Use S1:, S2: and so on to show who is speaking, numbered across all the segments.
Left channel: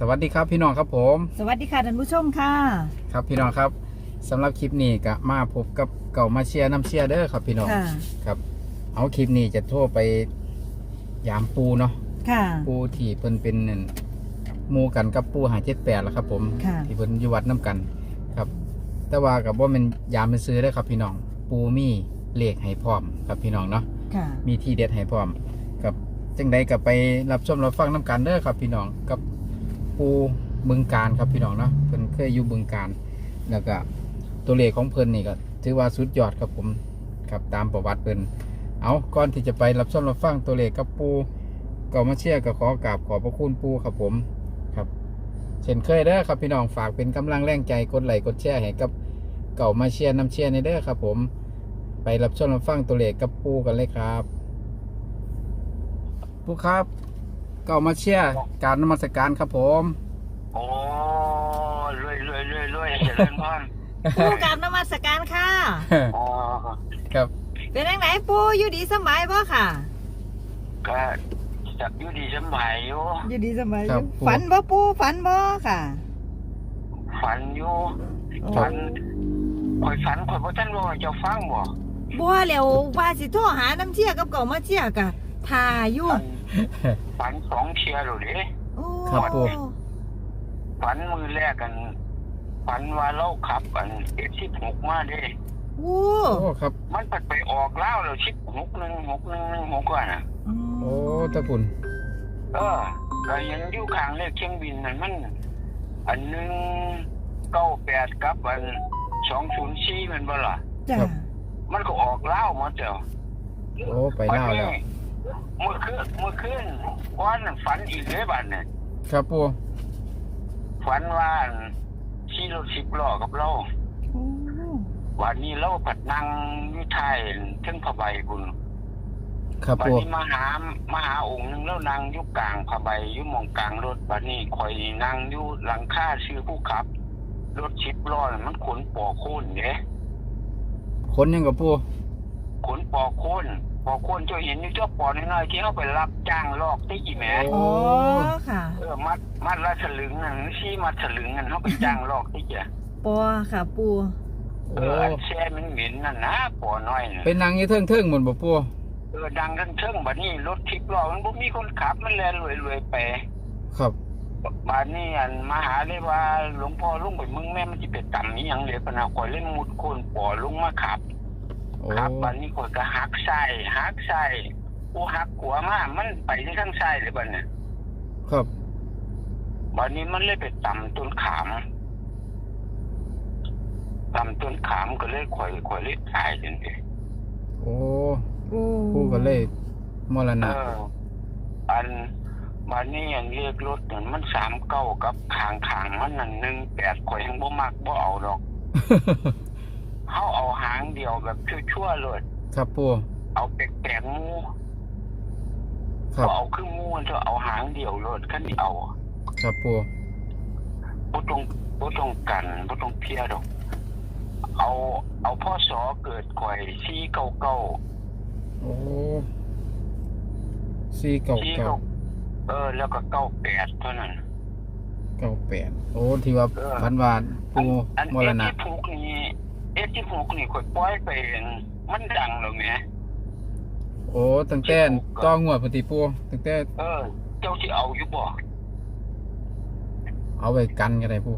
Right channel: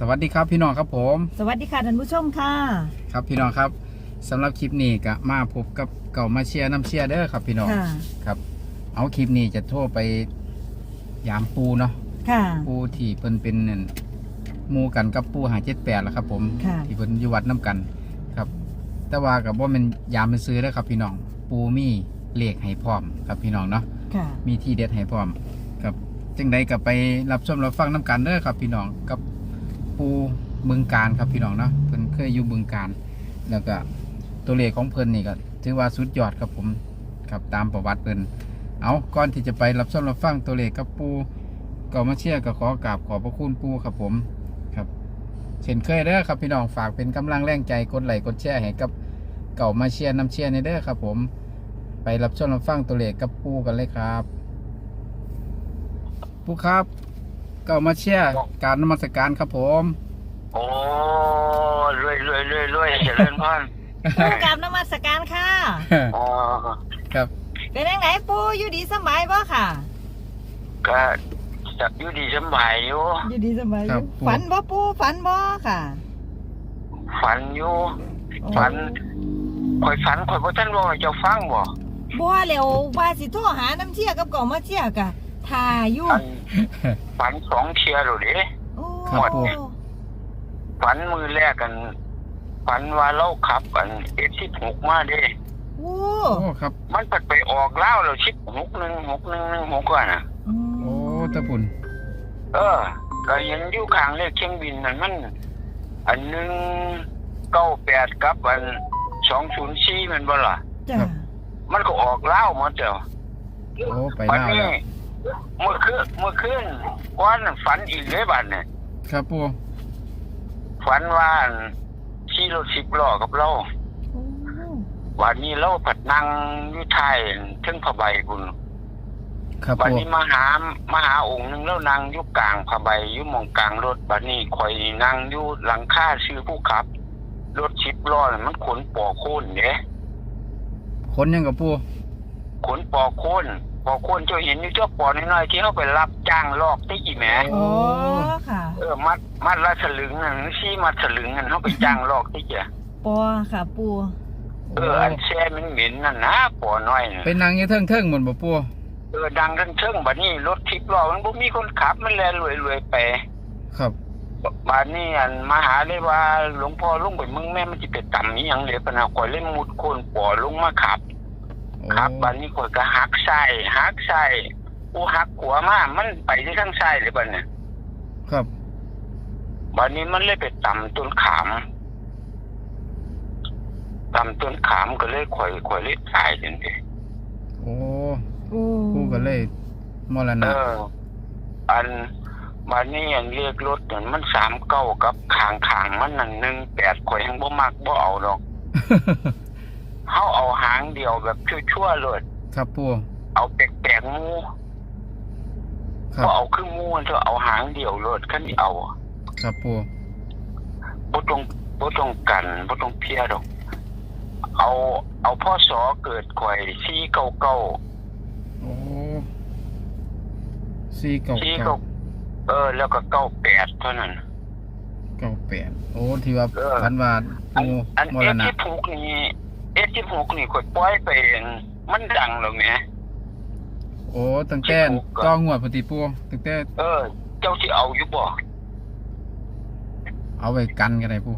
S1: วัสดีครับพี่น้องครับผม
S2: สวัสดีค่ะท่านผู้ชมค่ะ
S1: ครับพี่น้องครับสำหรับคลิปนี้ก็มาพบกับเก่ามาเชียร์น้ำเชียร์เด้อครับพี่น้องครับเอาคลิปนี้จะโทรไปยามปูเนาะ
S2: ค่ะ
S1: ปูที่เพิ่นเป็นหมู่กันกับปู578แล้วครับผมที่เพิ่นอยู่วัดน้ำกันครับแต่ว่ากับว่ามันยามเป็นซื้อเด้อครับพี่น้องปูมีเลขให้พร้อมครับพี่น้องเนาะมีที่เด็ดให้พร้อมครับจังใดก็ไปรับชมรับฟังน้ำกันเด้อครับพี่น้องกับปูบึงการครับพี่น้องเนาะเพิ่นเคยอยู่บึงการแล้วก็ตัวเลขของเพิ่นนี่ก็ถือว่าสุดยอดครับผมครับตามประวัติเพิ่นเอาก่อนที่จะไปรับชมรับฟังตัวเลขกับปูก็มาเชียร์ก็ขอกราบขอบพระคุณปูครับผมครับเช่นเคยเด้อครับพี่น้องฝากเป็นกำลังแรงใจกดไลค์กดแชร์ให้กับเก่ามาเชียร์น้ำเชียร์ในเด้อครับผมไปรับชมรับฟังตัวเลขกับปูกันเลยครับปูครับเก่ามาเชียร์การนมัสการครับผม
S3: โอ้รวยเจริญพร
S2: ปูกราบนมัสการค่ะ
S3: อ๋อ
S1: ครับ
S2: เป็นยังไงปูอยู่ดีสบายบ่ค่ะ
S3: ก็จับอยู่ดีสบายอยู่
S2: อยู่ดีสบายฝันบ่ปูฝันบ่ค่ะ
S3: ฝันอยู่ฝันข่อยบ่ทันว่าเจ้าฟังบ่
S2: แล้วว่าสิโทรหาน้ำเชี่ยกับเก่ามาเชี่ยกะท่าอยู่
S3: ฝัน2เที่ยแล้วเด้
S1: ครับปู
S3: ฝันมือแรกกันฝันว่าเราขับ16มาเด้
S2: โอ้
S1: ครับ
S3: มันไปออกแล้ว161616ก่อนน่ะ
S1: โอ้ตะปุ่น
S3: ก็ยังอยู่ข้างเลขเครื่องบินนั่นมันอัน198กับอัน204มันบ่ล่ะ
S2: จ้ะ
S3: มันก็ออกแล้วหมดเจ้า
S1: โอ้ไปแล้ว
S3: เมื่อคืนวันฝันอีกเลยบัดเนี่ย
S1: ครับปู
S3: ฝันว่าขี่รถ10ล้อกับเราวันนี้เราผัดนั่งอยู่ท้ายถึงผ้าใบบุญ
S1: ครับ
S3: วันนี้มาหาองค์นึงแล้วนั่งอยู่กลางผ้าใบอยู่มองกลางรถบัดนี้ข่อยนั่งอยู่หลังคาชื่อผู้ขับรถ10ล้อมันขนปอโค่นเด้
S1: ขนยังกับปู
S3: ขนปอโค่นเจ้าเห็นนี่เจ้าปอน้อยๆที่เขาไปรับจ้างลอกได้กี่แหม
S2: โอ้ค่ะ
S3: มัดละสลึงนั่นมัดสลึงนั่นเขาไปจ้างลอกได้จ้ะ
S2: ปอค่ะปู
S3: อันแช่มันเหม็นนั่นนะปอน้อย
S1: เป็นนางยี่เทิงหมดบ่ปู
S3: ดังเทิงบัดนี้รถ10ล้อมันบ่มีคนขับมันแล่นรวยไป
S1: ครับ
S3: บัดนี้อันมาหาเลยว่าหลวงพ่อลงไปมึงแม่มันสิไปต่ำอีหยังเลยปะนะข่อยเล่นมุดโคนปอลงมาขับบัดนี้ข่อยก็หักซ้ายกูหักขวามามันไปที่ข้างซ้ายเลยบัดเนี่ย
S1: ครับ
S3: บัดนี้มันเลยไปต่ำต้นขามก็เลยข่อยเลยตายจังซี่
S1: โอ้กูก็เลยมรณะ
S3: อันบัดนี้อันเรียกรถนั่นมัน39กับข้างมันนั่น18ข่อยยังบ่มักบ่เอาดอกเฮาเอาหางเดียวแบบชั่วๆเลย
S1: ครับปู่
S3: เอาแปลกๆมูเอาคือมูมันจะเอาหางเดียวเลยคันนี้เอา
S1: ครับปู่
S3: บ่ต้องกันบ่ต้องเพียดอกเอาพ่อสอเกิดข่อย499
S1: โอ้499
S3: แล้วก็98เท่านั้น
S1: 98โอ้ที่ว่าพันวาปู่มรณะ
S3: 16นี่ข่อยปล่อยไปมันดังแล้วแหม
S1: โอ้ตั้งแต่ต้องงวดพอดีปู่ตั้งแต่
S3: เจ้าสิเอาอยู่บ่
S1: เอาไว้กันก็ได้ปู่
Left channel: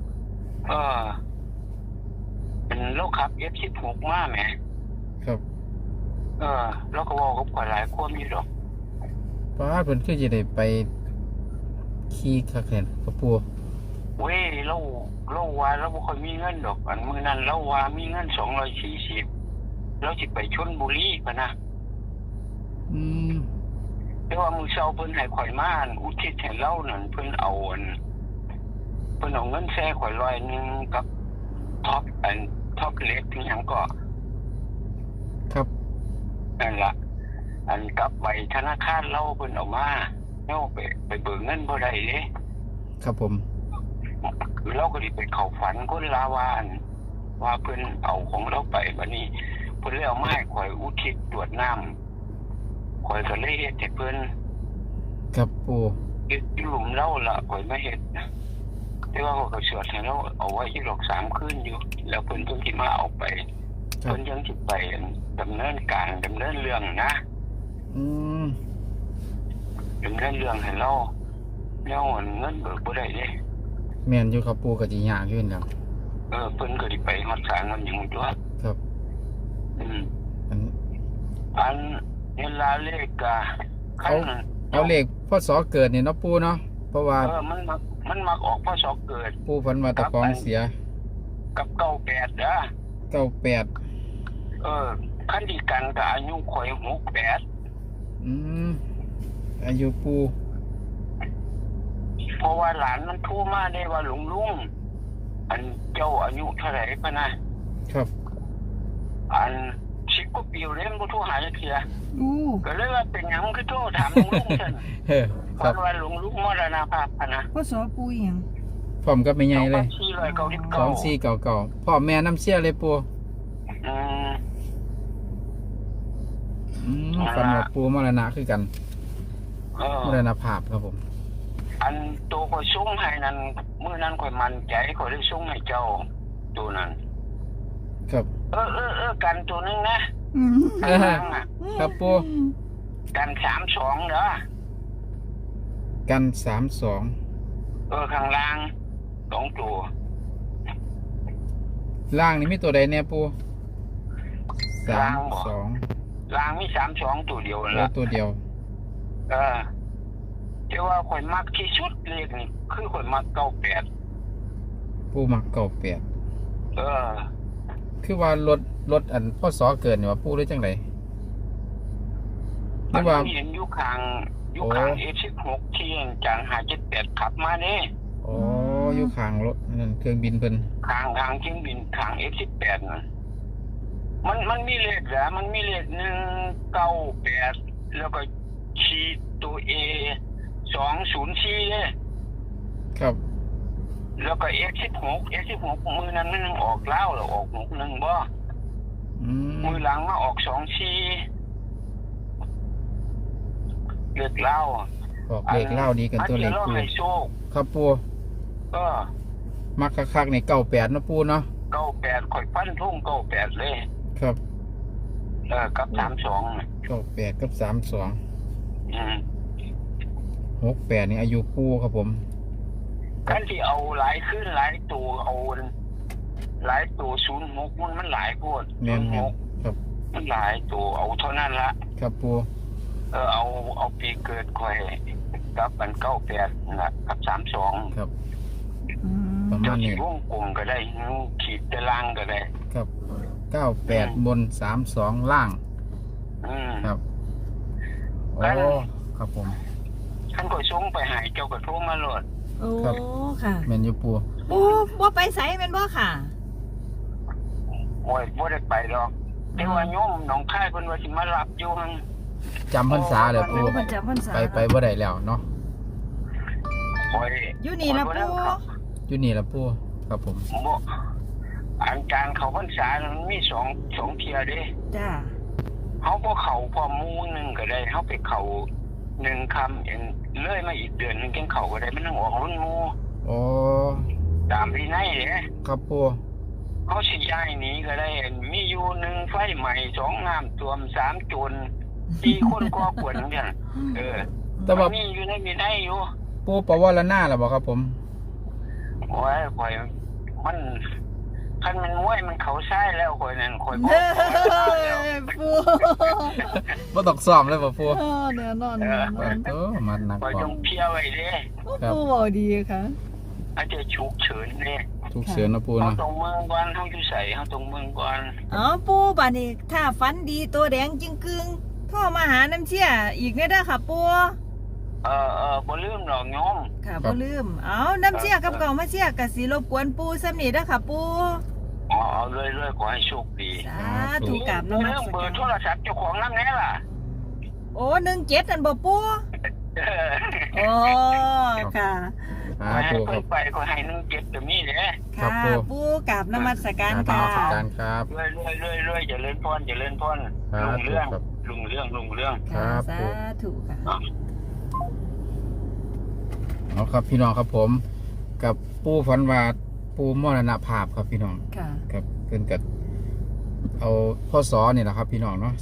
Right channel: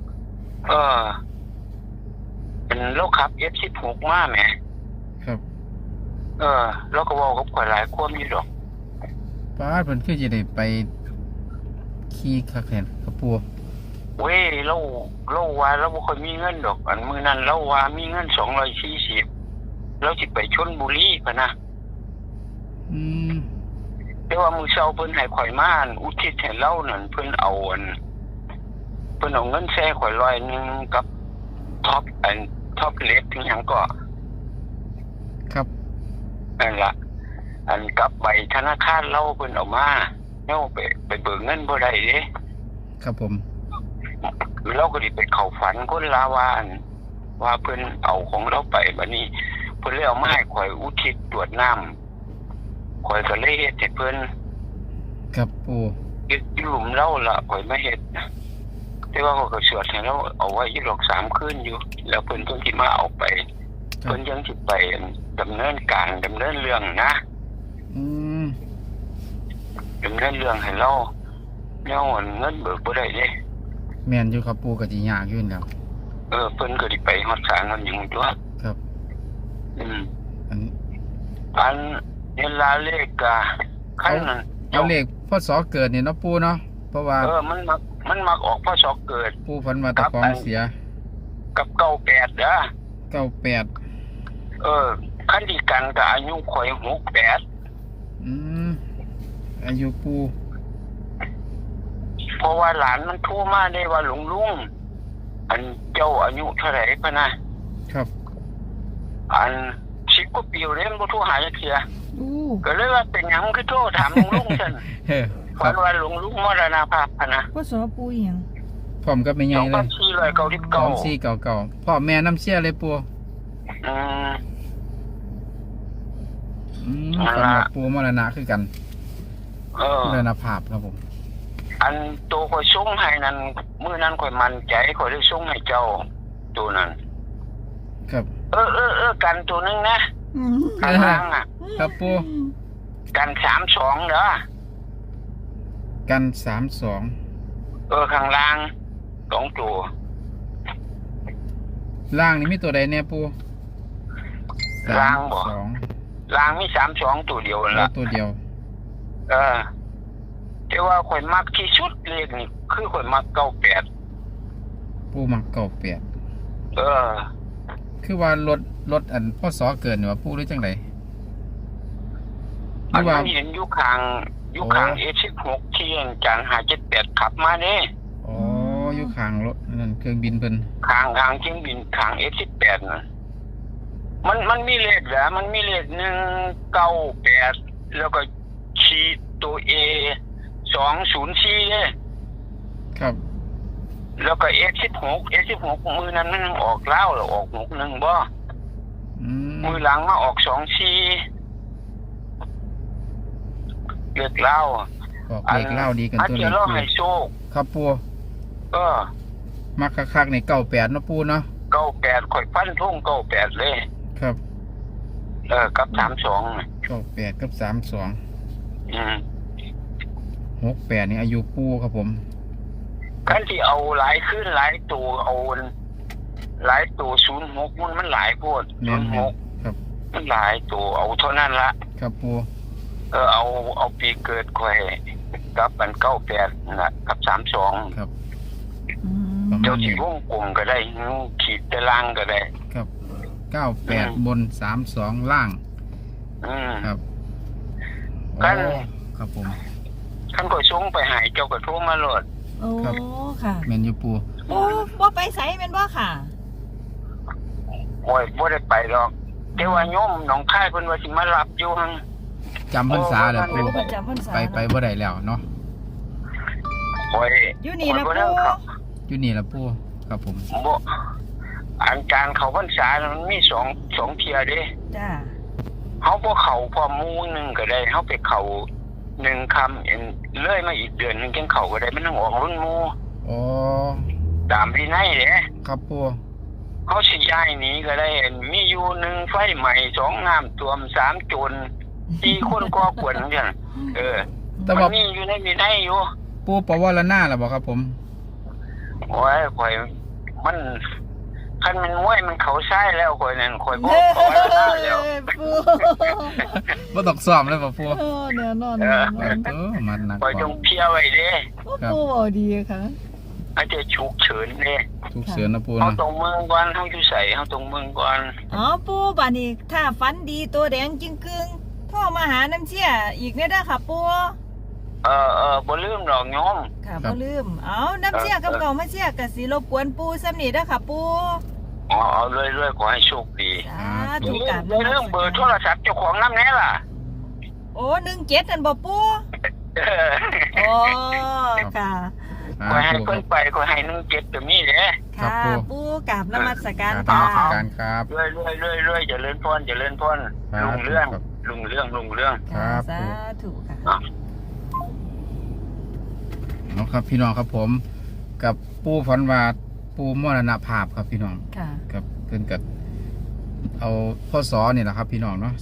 S3: เป็นเราขับ F16 มาแหม
S1: ครับ
S3: แล้วก็เว้ากับข่อยหลายคนอยู่ดอก
S1: ป้าเพิ่นคือสิได้ไปขี่คักแท้กับปู่
S3: เว้ยเราว่าเราบ่ค่อยมีเงินดอกอันมื้อนั้นเราว่ามีเงิน240เราสิไปชลบุรีพะนะแต่ว่ามื้อเช้าเพิ่นให้ข่อยมาอุทิศให้เรานั่นเพิ่นเอาเงินแซ่ข่อย100นึงกับท็อปเล็กถึงหยังก็
S1: ครับ
S3: นั่นล่ะอันกับใบธนาคารเราเพิ่นเอามาเฮาไปเบิกเงินบ่ได้เด้
S1: ครับผม
S3: เราก็ดิไปเข้าฝันคนลาวานว่าเพิ่นเอาของเราไปบัดนี้เพิ่นเลยเอามาให้ข่อยอุทิศตรวจน้ำข่อยก็เลยเฮ็ดให้เพิ่น
S1: ครับปู่
S3: เยึดหลุมเล่าละข่อยไม่เห็นแต่ว่าเขาก็สวดให้เราเอาไว้ยี่หลอก3 คืนอยู่แล้วเพิ่นต้องที่มาเอาไปเพิ่นยังสิไปดำเนินการดำเนินเรื่องนะ
S1: อืม
S3: ดำเนินเรื่องให้เราเงินเบิกบ่ได้เด้
S1: แม่นอยู่ครับปูก็สิยากอยู่แล้ว
S3: เพิ่นก็ได้ไปฮอดศาลมันอยู่ตัว
S1: ครับ อัน
S3: อันเวลาเลขก็คันนั้น
S1: เอาเลขพศเกิดเนี่ยเนาะปูเนาะเพราะว่า
S3: มันมักออกพศเกิด
S1: ปูฝันว่าตะของเสีย
S3: กับ98เด้อ
S1: 98
S3: คันดีกันก็อายุข่อย68
S1: อืมอายุปู
S3: เพราะว่าหลานมันโทรมาได้ว่าลุงอันเจ้าอายุเท่าไหร่ปะนะครับ อัน10 กว่าปีแล้วมันบ่โทรหาจักเทื่อ
S2: อู้
S3: ก็เลยว่าเป็นหยังคือโทรถามลุงซั่น
S1: เฮ้อค
S3: เพ
S1: รับ
S3: ราะว่าลุงมรณภาพพะนะ
S2: พ่อสอปูอีหยัง
S1: พร้อมกับแม่ใหญ่เลย
S3: 2499
S1: 2499พ่อแม่น้ำเชี่ยเลยปู
S3: อืม
S1: ฝันว่าปูมรณะคือกันมรณภาพครับผม
S3: อันตัวข่อยส่งให้นั้นมื้อนั้นข่อยมั่นใจข่อยได้ส่งให้เจ้าตัวนั้น
S1: ครับ
S3: กันตัวนึงนะ
S2: อืม
S3: ข้างล่างอ่ะ
S1: ครับปู
S3: กัน32เด้อ
S1: กัน32
S3: ข้างล่าง2ตัว
S1: ล่างนี่มีตัวใดแน่ปู
S3: ล่างบ่
S1: 32
S3: ล่างมี32ตัวเดียวนั่น
S1: แล้ว
S3: ล่ะ
S1: ตัวเดียว
S3: แต่ว่าข่อยมักที่สุดเลขนี่คือข่อยมัก98
S1: ปูมัก98คือว่ารถอันพศเกิดนี่ว่าปูหรือจังไดห
S3: มั
S1: รื
S3: น
S1: อว่า
S3: เห็นอยู่ข้างA16ที่จาน578ขับมาเด้
S1: อ๋ออยู่ข้างรถนั่นเครื่องบินเพิ่น
S3: ข้างเครื่องบินข้าง A18 น่ะมันมีเลขเหรอมันมีเลข198แล้วก็ขีดตัว A 204เด้
S1: ครับ
S3: แล้วก็ A16 มือนั้นมันออกแล้วหรือออก61บ่ มือหลังมาออก24เลขเล่า
S1: ออกเลขเล่าดีกันตัวเลข
S3: เรา
S1: ปู
S3: ให้โชค
S1: ครับปู มักคักๆใน98เนาะปูเนาะ
S3: 98ข่อยฟันทุ่ง98เลย
S1: ครับ
S3: กับ32น่ะ
S1: 98กับ32
S3: อืม
S1: 68นี่อายุปูครับผม
S3: คันที่เอาหลายขึ้นหลายตัวเอาหลายตัว06มันหลายโพด
S1: แม่นๆ
S3: 06
S1: ครับ
S3: มันหลายตัวเอาเท่านั้นละ
S1: ครับปู
S3: เอาปีเกิดข่อยกับอัน98นั่นล่ะกับ32
S1: ครับ
S2: อืม
S1: ประมา
S3: เจ้า
S1: ณ
S3: สิ
S1: นี้
S3: วงกลมก็ได้ขีดตารางก็ได้
S1: ครับ98บน32ล่าง ครับโอ้ครับผม
S3: ท่านก็ส่งไปให้เจ้าก็โทรมาโลด
S2: โอ้
S1: ครับ
S2: ค่ะ
S1: แม่นอยู่ปู
S2: โอ้บ่ไปไสแม่นบ่ค่ะ
S3: โอ้ยบ่ได้ไปดอกแต่ว่าโยมหนองคายเพิ่นว่าสิมารับอยู่หั่น
S1: จำพรรษาแล้วปู
S2: เพิ่นจำพรรษา
S1: ไปบ่ได้แล้วเนาะ
S3: โอ้ย
S2: อยู่นี่ล่ะ
S3: บ่
S2: ปู
S3: ได้เข้า
S1: อยู่นี่ละปูครับผม
S3: บ่อันการเข้าพรรษามันมี2เที่ยเด้
S2: จ้า
S3: เฮาบ่เข้าพร้อมหมู่นึงก็ได้เฮาไปเข้า1ค่ำเลยมาอีกเดือนนึงจังเข้าก็ได้มันต้องออกรุ่นหมู่
S1: อ๋อ
S3: ตามวินัยเด้
S1: ครับปู
S3: เขาสิย้ายหนีก็ได้มีอยู่1ไฟใหม่2น้ำท่วม3โจร4คนก่อกวนจัง
S1: แต่ว่า
S3: มันมีอยู่ในวินัยอยู่
S1: ปูปวารณาแล้วบ่ครับผม
S3: โอ้ยข่อยมันคันมันมวยมันเขาใช้แล้วข่อยนั่นข่อยบ่
S2: เฮ้
S3: ขอแล้ว
S2: ยปู
S1: บ่ต้องซ้อมเลยบ่ปู
S2: โอ้เดี๋ยวนอน
S1: โอ้มันหนัก
S3: ข่อย
S1: ก
S3: จ
S1: ว่าง
S3: เพียไว้เด้
S2: ปูดีค่ะ
S3: อาจจะฉุกเฉินเด้
S1: ทุกเสือนะปู
S3: เฮา
S1: นะ
S3: ตรงเมืองก่อนเฮาอยู่ไสเฮาตรงเมืองก่อน
S2: อ๋อปูบัดนี้ถ้าฝันดีตัวแดงจึงกึ่งพ่อมาหาน้ำเชี่ยอีกแน่เด้อค่ะปู
S3: บ่ลืมดอกโยม
S2: ค่ะบ่ลืมเอาน้ำเชี่ยกับเก่ามาเชี่ยก็สิรบกวนปูซ้ำนี่เด้อค่ะปู
S3: เอาเรื่อยๆขอให้โชคดี
S2: สาธุกราบน
S3: เรื่
S2: มั
S3: อง
S2: ส
S3: เบอ
S2: การ
S3: ร์โทรศัพท์เจ้าของนำแน่ล่ะ
S2: โอ้17อันบ่ปูโอ้ค่ะ
S3: ขอให้
S1: ปูค
S3: เพิ่
S1: รั
S3: น
S1: บ
S3: ไปขอให้17ก็มีเด้
S1: ครั
S2: ค่ะ
S1: บปู
S2: ปูกราบนมัสการ
S1: ตา
S2: ค่ะ
S1: มการครับ
S3: เรื่อยๆเจริญพรลุงเรื่อง
S1: ครับ
S3: ลุงเรื่อง
S1: ครับ
S2: สา
S1: ปู
S2: ธุค่ะ
S1: เอาครับพี่น้องครับผมกับปูฝันว่าปูมรณภาพครับพี่น้อง
S2: ค่ะ
S1: ครับเพิ่นกับเอาพ่อสอนี่แหละครับพี่น้องเนาะ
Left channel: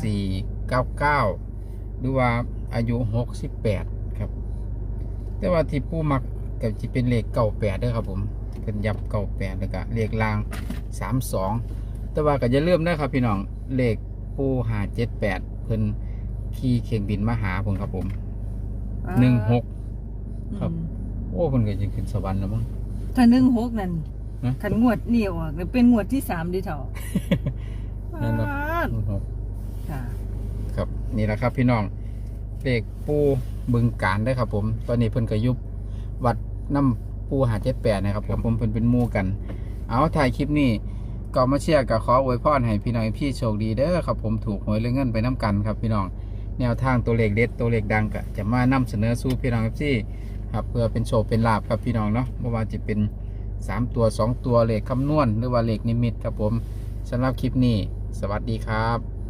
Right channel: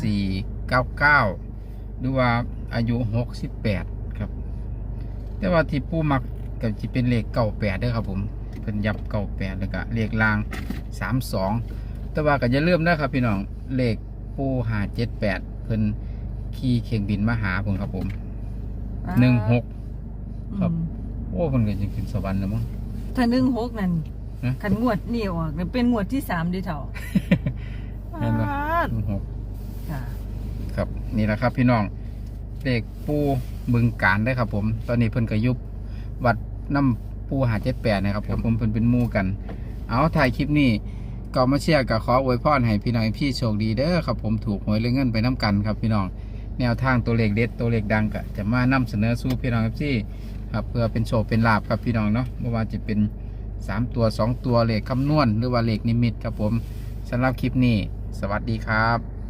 S1: 2499หรือว่าอายุ68ครับแต่ว่าที่ปูมักก็จะเป็นเลข98เด้อครับผมเพิ่นยับ98แล้วก็เลขล่าง32แต่ว่าก็อย่าลืมนะครับพี่น้องเลขปู578เพิ่นขี่เครื่องบินมาหาผมครับผม16ครับโอ้เพิ่นก็จะขึ้นสวรรค์แล้วมั้ง
S2: ถ้า16นั่น
S1: นะ
S2: คันงวดนี่ออกนี่เป็นงวดที่3เด้อเฒ่า
S1: นั่นเนาะ
S2: 16ค่ะ
S1: ครับนี่แหละครับพี่น้องเลขปูบึงการได้ครับผมตอนนี้เพิ่นก็ยุบวัดน้ำปู578นะครับผมเพิ่นเป็นหมู่กันเอาถ่ายคลิปนี้ก็มาเชียร์กับขออวยพรให้พี่น้องพี่โชคดีเด้อครับผมถูกหวยเรื่องเงินไปน้ำกันครับพี่น้องแนวทางตัวเลขเด็ดตัวเลขดังก็จะมานำเสนอสู่พี่น้องพี่ครับเพื่อเป็นโชคเป็นลาภครับพี่น้องเนาะไม่ว่าจะเป็น3ตัว2ตัวเลขคำนวณหรือว่าเลขนิมิตครับผมสำหรับคลิปนี้สวัสดีครับ